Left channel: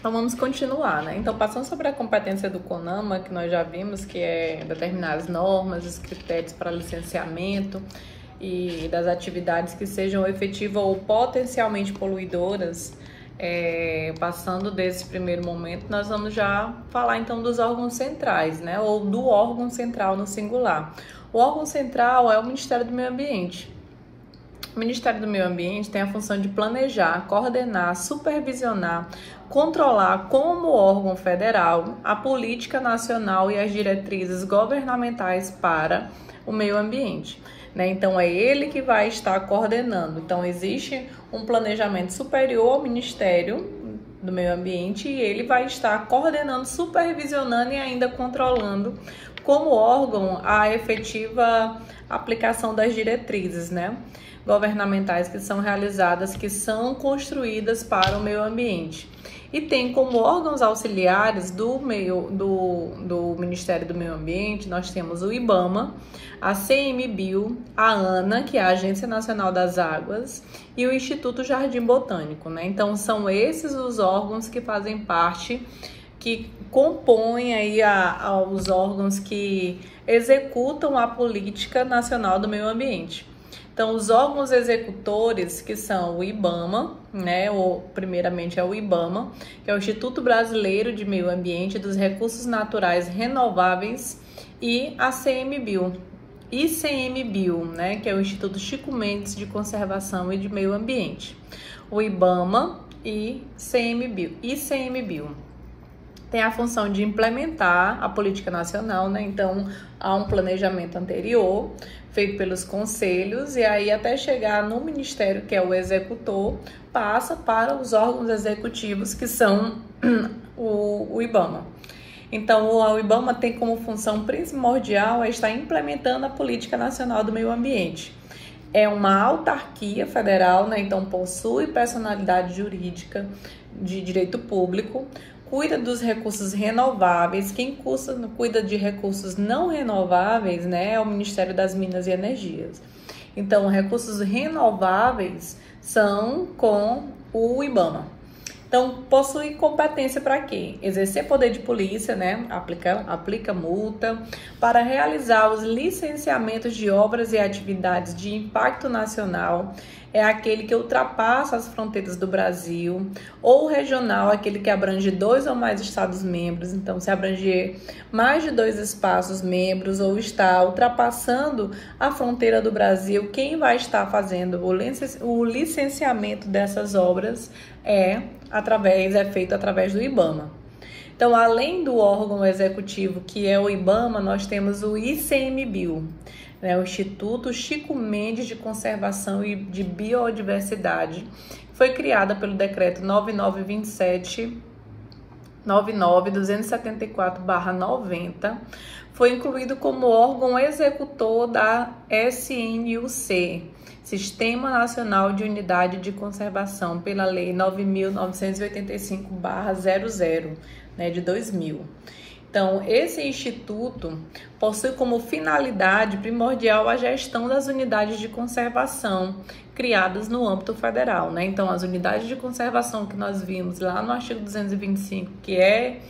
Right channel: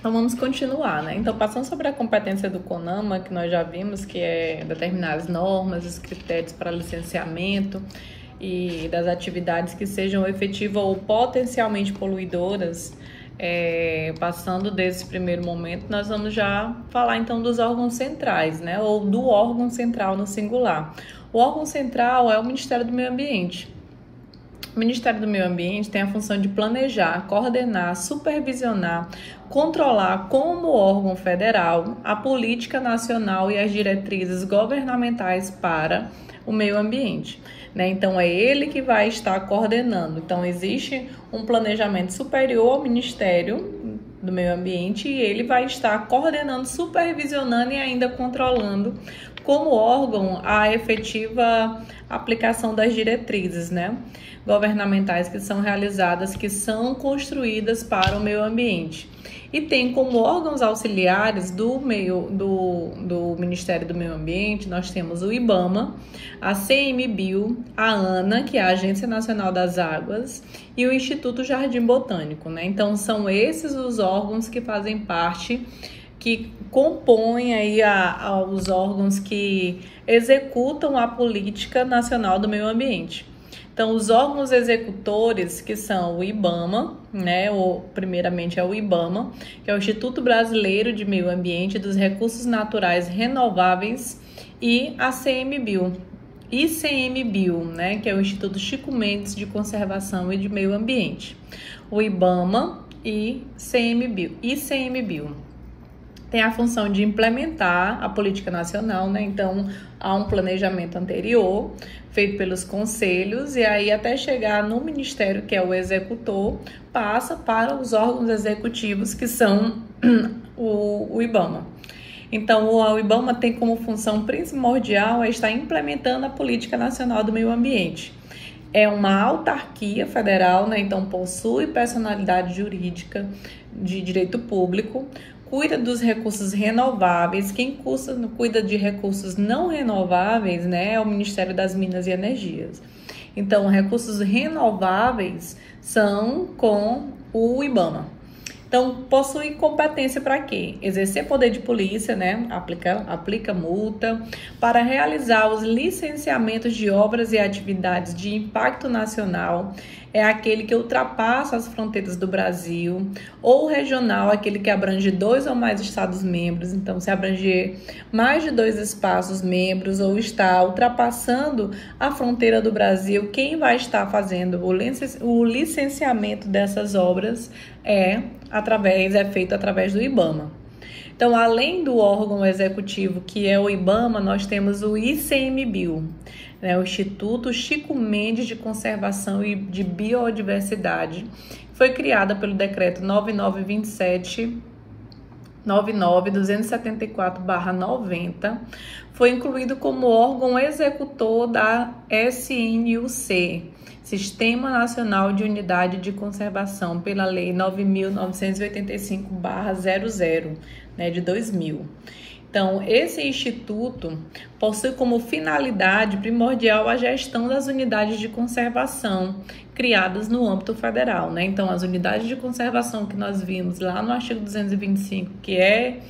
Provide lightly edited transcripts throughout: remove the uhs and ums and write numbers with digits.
Então vamos continuar, né? Então, passando sobre a competência do CONAMA, que nós já vimos que é determinar as normas, os critérios para licenciamento e das atividades que sejam efetivas ou potencialmente poluidoras. Passando desse primeiro momento, nós vamos já falar então dos órgãos centrais, né? Ou do órgão central no singular. O órgão central é o Ministério do Meio Ambiente. O Ministério do Meio Ambiente tem a função de planejar, coordenar, supervisionar, controlar como órgão federal a política nacional e as diretrizes governamentais para o meio ambiente, né? Então, é ele que vai estar coordenando. Então, existe um planejamento superior ao Ministério do Meio Ambiente e ele vai estar coordenando, supervisionando e ainda controlando como órgão a efetiva aplicação das diretrizes, né, governamentais que são realizadas, que são construídas para o meio ambiente. E tem como órgãos auxiliares do Ministério do Meio Ambiente, nós temos o IBAMA, a CMBio, a ANA, que é a Agência Nacional das Águas, e o Instituto Jardim Botânico, né? Então, são esses os órgãos que fazem parte, que compõem aí os órgãos que executam a política nacional do meio ambiente. Então, os órgãos executores, que são o IBAMA, né, primeiramente é o IBAMA, que é o Instituto Brasileiro de Meio Ambiente e dos Recursos Naturais Renováveis, e a CMBio, ICMBio, né, que é o Instituto Chico Mendes de Conservação e de Meio Ambiente. O IBAMA e ICMBio tem a função de implementar a política nacional, né? Então, há um planejamento anterior feito pelos conselhos e aí até chegar no ministério, que é o executor, passa para os órgãos executivos, que são o IBAMA. Então, o IBAMA tem como função primordial estar implementando a política nacional do meio ambiente. É uma autarquia federal, né? Então possui personalidade jurídica de direito público, cuida dos recursos renováveis. Quem cuida de recursos não renováveis, né, é o Ministério das Minas e Energias. Então, recursos renováveis são com o IBAMA. Então, possui competência para quê? Exercer poder de polícia, né? Aplica multa, para realizar os licenciamentos de obras e atividades de impacto nacional, é aquele que ultrapassa as fronteiras do Brasil, ou regional, aquele que abrange 2 ou mais estados-membros. Então, se abranger mais de 2 espaços-membros ou está ultrapassando a fronteira do Brasil, quem vai estar fazendo o licenciamento dessas obras é feito através do IBAMA. Então, além do órgão executivo, que é o IBAMA, nós temos o ICMBio, né, o Instituto Chico Mendes de Conservação e de Biodiversidade. Foi criada pelo decreto 99.274/90, foi incluído como órgão executor da SNUC, Sistema Nacional de Unidade de Conservação, pela Lei 9.985/00, né, de 2000. Então, esse instituto possui como finalidade primordial a gestão das unidades de conservação criadas no âmbito federal, né? Então, as unidades de conservação que nós vimos lá no artigo 225, que é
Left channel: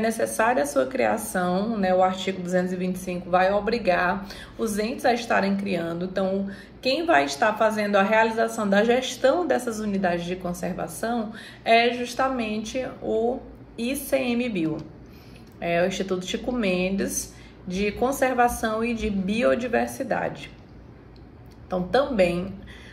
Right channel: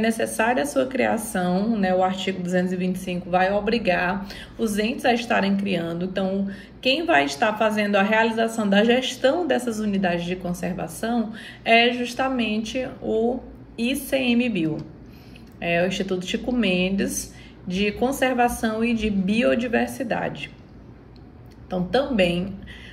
necessária a sua criação, né? O artigo 225 vai obrigar os entes a estarem criando. Então, quem vai estar fazendo a realização da gestão dessas unidades de conservação é justamente o ICMBio. É o Instituto Chico Mendes de Conservação e de Biodiversidade. Então, também,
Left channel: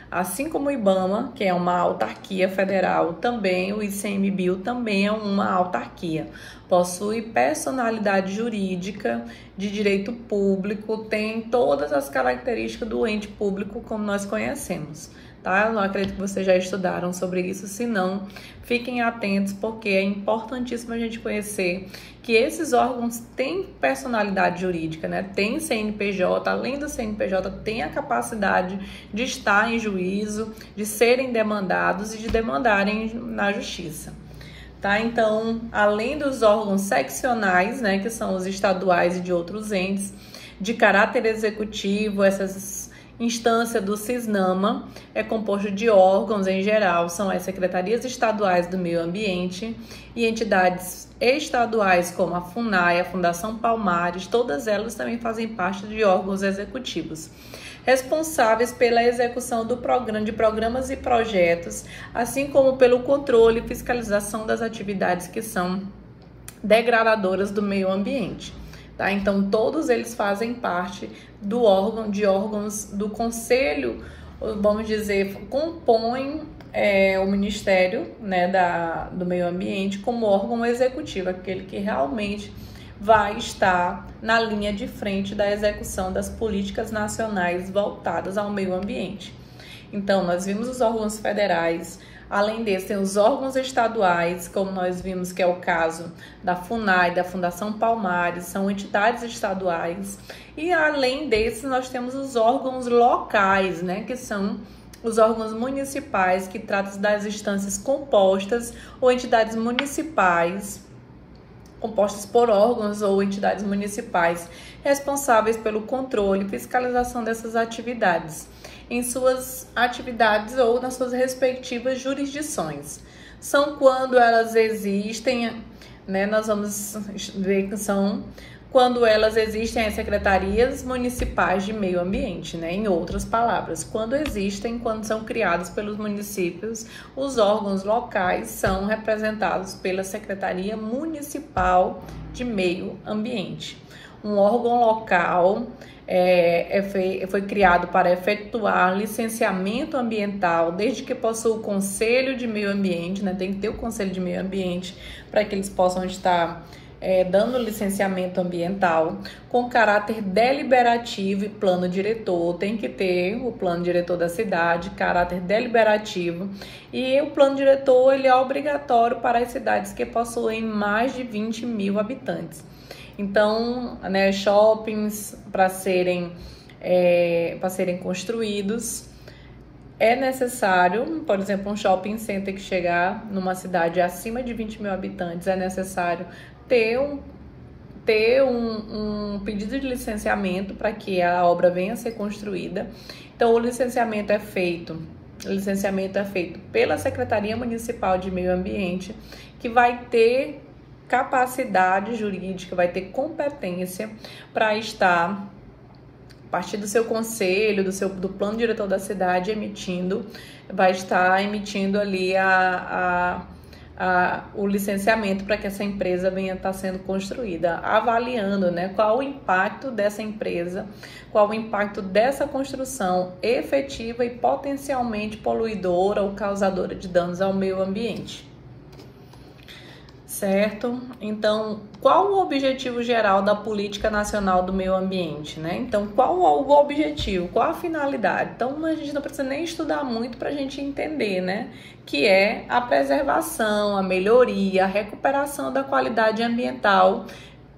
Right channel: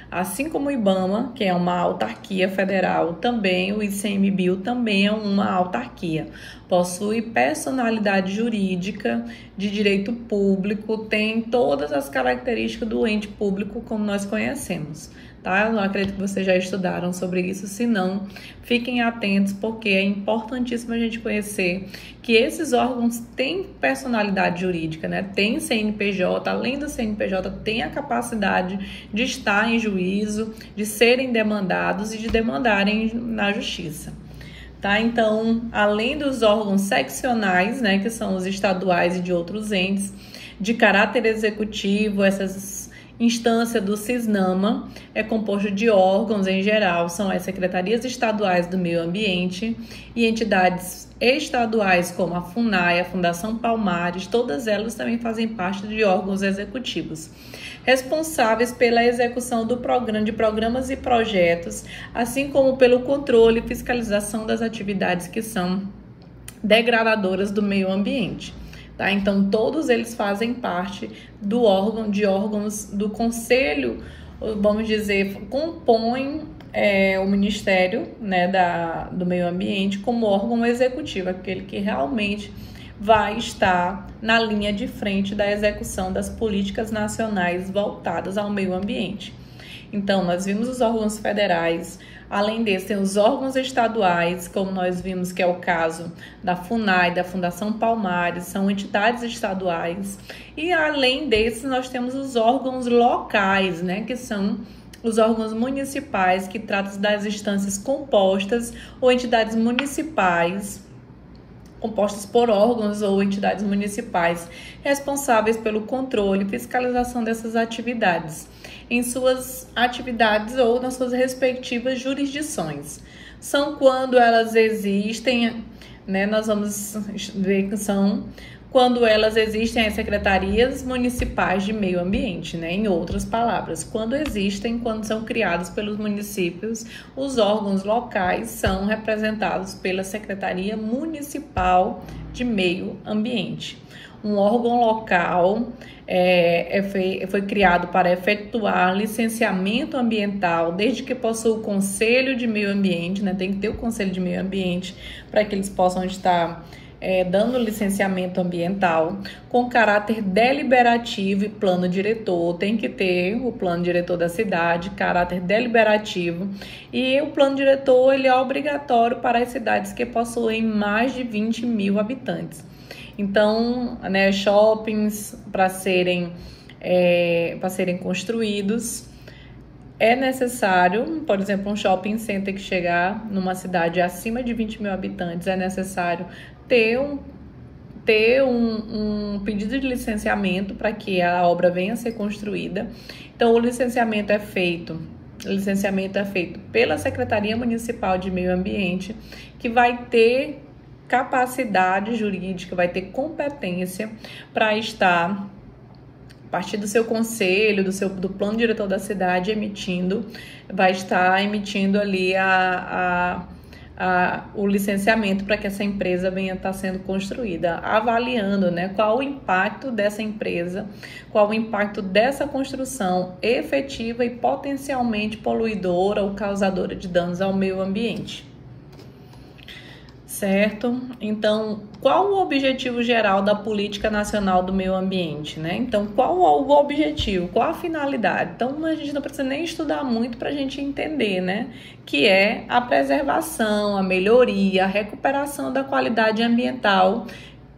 assim como o IBAMA, que é uma autarquia federal, também o ICMBio também é uma autarquia. Possui personalidade jurídica de direito público, tem todas as características do ente público como nós conhecemos, tá? Eu acredito que vocês já estudaram sobre isso, se não, fiquem atentos, porque é importantíssimo a gente conhecer que esses órgãos têm personalidade jurídica, né? Tem CNPJ, além do CNPJ, tem a capacidade de estar em juízo, de serem demandados e de demandarem na justiça. Tá? Então, além dos órgãos seccionais, né, que são os estaduais e de outros entes, de caráter executivo, essas instância do CISNAMA, é composto de órgãos em geral, são as secretarias estaduais do meio ambiente e entidades estaduais como a FUNAI, a Fundação Palmares, todas elas também fazem parte de órgãos executivos, responsáveis pela execução de programas e projetos, assim como pelo controle e fiscalização das atividades que são degradadoras do meio ambiente. Tá? Então, todos eles fazem parte do órgãos do conselho, vamos dizer, compõem o Ministério, né, do Meio Ambiente como órgão executivo, aquele que realmente vai estar na linha de frente da execução das políticas nacionais voltadas ao meio ambiente. Então, nós vimos os órgãos federais, além desses, tem os órgãos estaduais, como nós vimos que é o caso da FUNAI, da Fundação Palmares, são entidades estaduais. E além desses, nós temos os órgãos locais, né, que são os órgãos municipais, que tratam das instâncias compostas ou entidades municipais, compostas por órgãos ou entidades municipais responsáveis pelo controle e fiscalização dessas atividades em suas atividades ou nas suas respectivas jurisdições. São quando elas existem, né, nós vamos ver que são quando elas existem as secretarias municipais de meio ambiente, né? Em outras palavras, quando são criados pelos municípios, os órgãos locais são representados pela Secretaria Municipal de Meio Ambiente. Um órgão local foi criado para efetuar licenciamento ambiental, desde que possua o Conselho de Meio Ambiente, né? Tem que ter o Conselho de Meio Ambiente para que eles possam estar dando licenciamento ambiental, com caráter deliberativo e plano diretor. Tem que ter o plano diretor da cidade, caráter deliberativo, e o plano diretor ele é obrigatório para as cidades que possuem mais de 20 mil habitantes. Então, né, shoppings para serem construídos, é necessário, por exemplo, um shopping center que chegar numa cidade acima de 20 mil habitantes, é necessário ter um pedido de licenciamento para que a obra venha a ser construída. Então, o licenciamento é feito pela Secretaria Municipal de Meio Ambiente, que vai ter capacidade jurídica, vai ter competência para estar, a partir do seu conselho, do plano diretor da cidade, vai estar emitindo ali o licenciamento para que essa empresa venha estar sendo construída, avaliando, né, qual o impacto dessa empresa, qual o impacto dessa construção efetiva e potencialmente poluidora ou causadora de danos ao meio ambiente. Certo? Então, qual o objetivo geral da Política Nacional do Meio Ambiente, né? Então, qual o objetivo, qual a finalidade? Então, a gente não precisa nem estudar muito para a gente entender, né? Que é a preservação, a melhoria, a recuperação da qualidade ambiental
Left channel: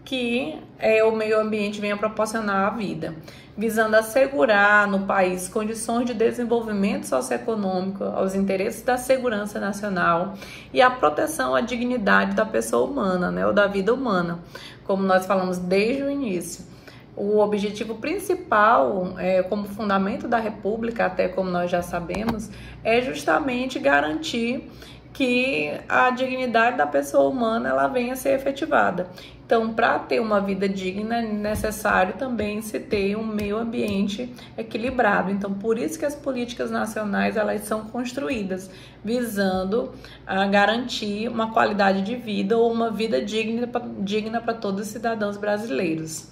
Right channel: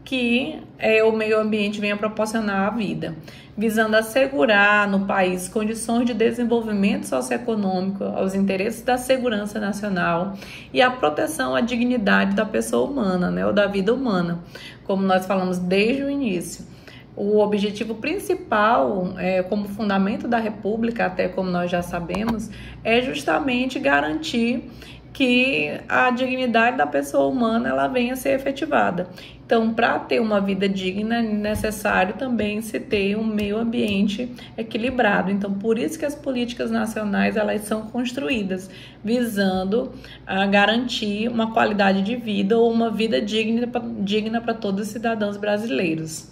que o meio ambiente vem a proporcionar à vida, visando assegurar no país condições de desenvolvimento socioeconômico aos interesses da segurança nacional e a proteção à dignidade da pessoa humana, né, ou da vida humana, como nós falamos desde o início. O objetivo principal, como fundamento da República, até como nós já sabemos, é justamente garantir que a dignidade da pessoa humana ela venha a ser efetivada. Então, para ter uma vida digna, é necessário também se ter um meio ambiente equilibrado. Então, por isso que as políticas nacionais elas são construídas, visando a garantir uma qualidade de vida ou uma vida digna para todos os cidadãos brasileiros.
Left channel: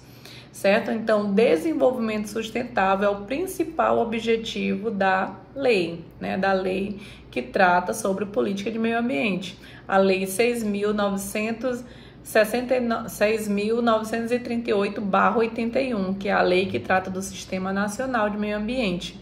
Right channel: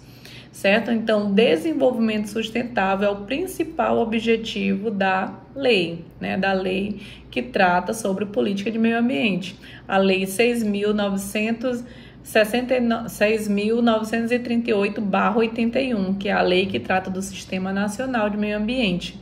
Certo? Então, desenvolvimento sustentável é o principal objetivo da lei, né? Da lei que trata sobre política de meio ambiente. A Lei 6.938/81, que é a lei que trata do Sistema Nacional de Meio Ambiente,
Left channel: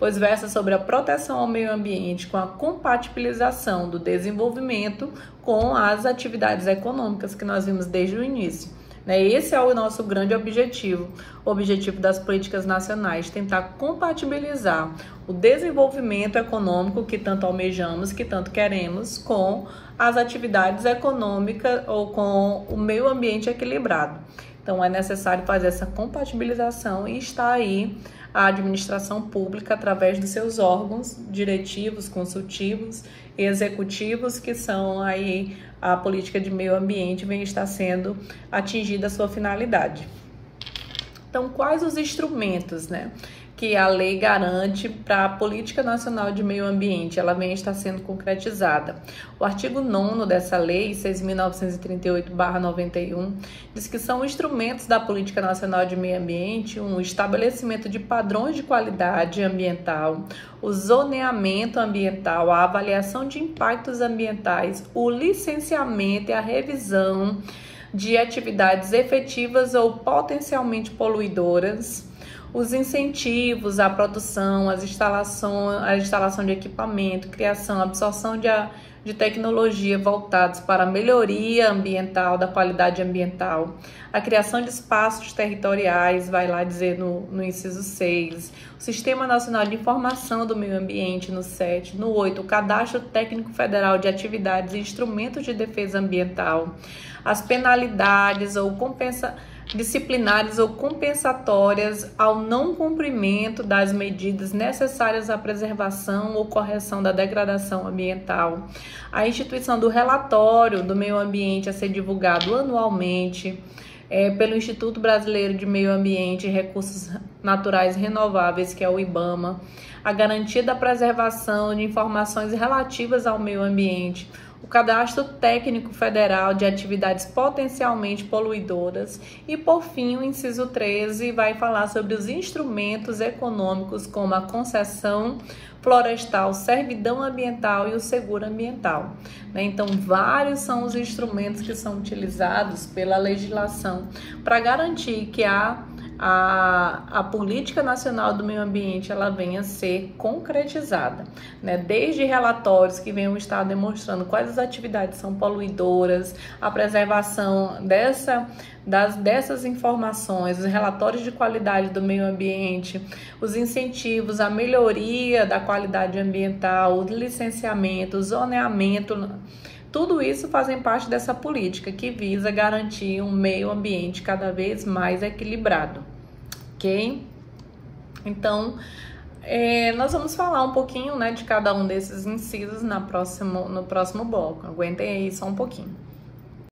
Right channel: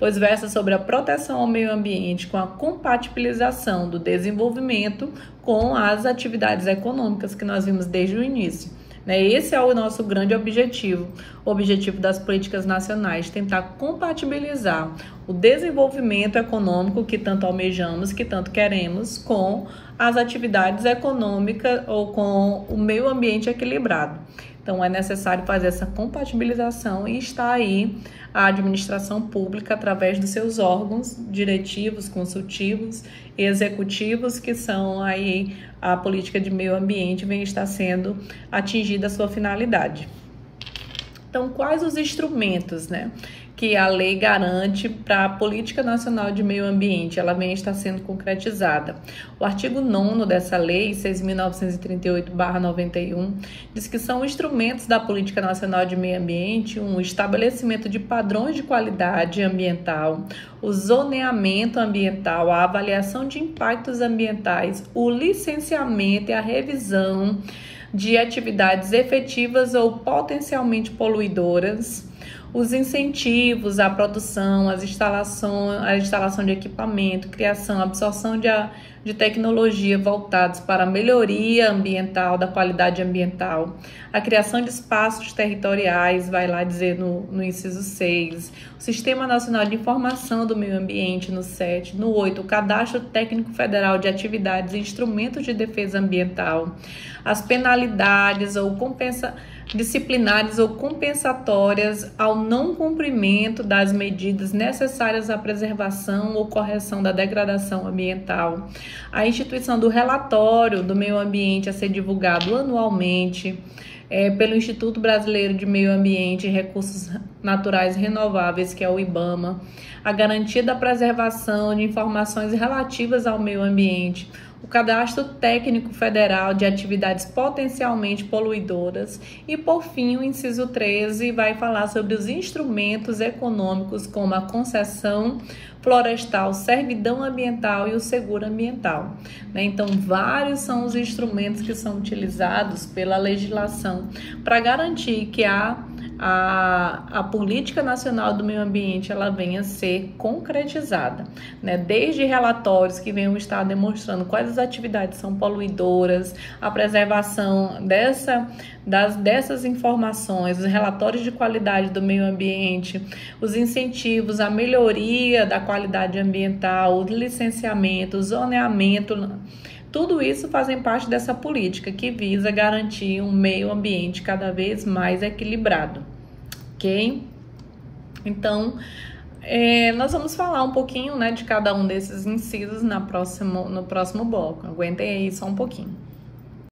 pois versa sobre a proteção ao meio ambiente com a compatibilização do desenvolvimento com as atividades econômicas que nós vimos desde o início. Esse é o nosso grande objetivo, o objetivo das políticas nacionais, tentar compatibilizar o desenvolvimento econômico que tanto almejamos, que tanto queremos, com as atividades econômicas ou com o meio ambiente equilibrado. Então, é necessário fazer essa compatibilização e está aí a administração pública através dos seus órgãos diretivos, consultivos e executivos, que são aí a política de meio ambiente vem estar sendo atingida a sua finalidade. Então, quais os instrumentos, né, que a lei garante para a Política Nacional de Meio Ambiente? Ela vem estar sendo concretizada. O artigo 9º dessa lei, 6.938/91, diz que são instrumentos da Política Nacional de Meio Ambiente o estabelecimento de padrões de qualidade ambiental, o zoneamento ambiental, a avaliação de impactos ambientais, o licenciamento e a revisão de atividades efetivas ou potencialmente poluidoras, os incentivos à produção, a instalação de equipamento, criação, absorção de tecnologia voltados para a melhoria ambiental, da qualidade ambiental, a criação de espaços territoriais, vai lá dizer no inciso 6, o Sistema Nacional de Informação do Meio Ambiente, no 7, no 8, o Cadastro Técnico Federal de Atividades e Instrumentos de Defesa Ambiental, as penalidades ou disciplinares ou compensatórias ao não cumprimento das medidas necessárias à preservação ou correção da degradação ambiental, a instituição do relatório do meio ambiente a ser divulgado anualmente pelo Instituto Brasileiro de Meio Ambiente e Recursos Naturais Renováveis, que é o IBAMA, a garantia da preservação de informações relativas ao meio ambiente, o Cadastro Técnico Federal de Atividades Potencialmente Poluidoras e, por fim, o inciso 13 vai falar sobre os instrumentos econômicos como a concessão florestal, servidão ambiental e o seguro ambiental, né? Então, vários são os instrumentos que são utilizados pela legislação para garantir que a Política Nacional do Meio Ambiente ela venha a ser concretizada, né? Desde relatórios que venham estar demonstrando quais as atividades são poluidoras, a preservação dessas informações, os relatórios de qualidade do meio ambiente, os incentivos à melhoria da qualidade ambiental, o licenciamento, o zoneamento. Tudo isso fazem parte dessa política que visa garantir um meio ambiente cada vez mais equilibrado, ok? Então, nós vamos falar um pouquinho, né, de cada um desses incisos no próximo bloco. Aguentem aí só um pouquinho.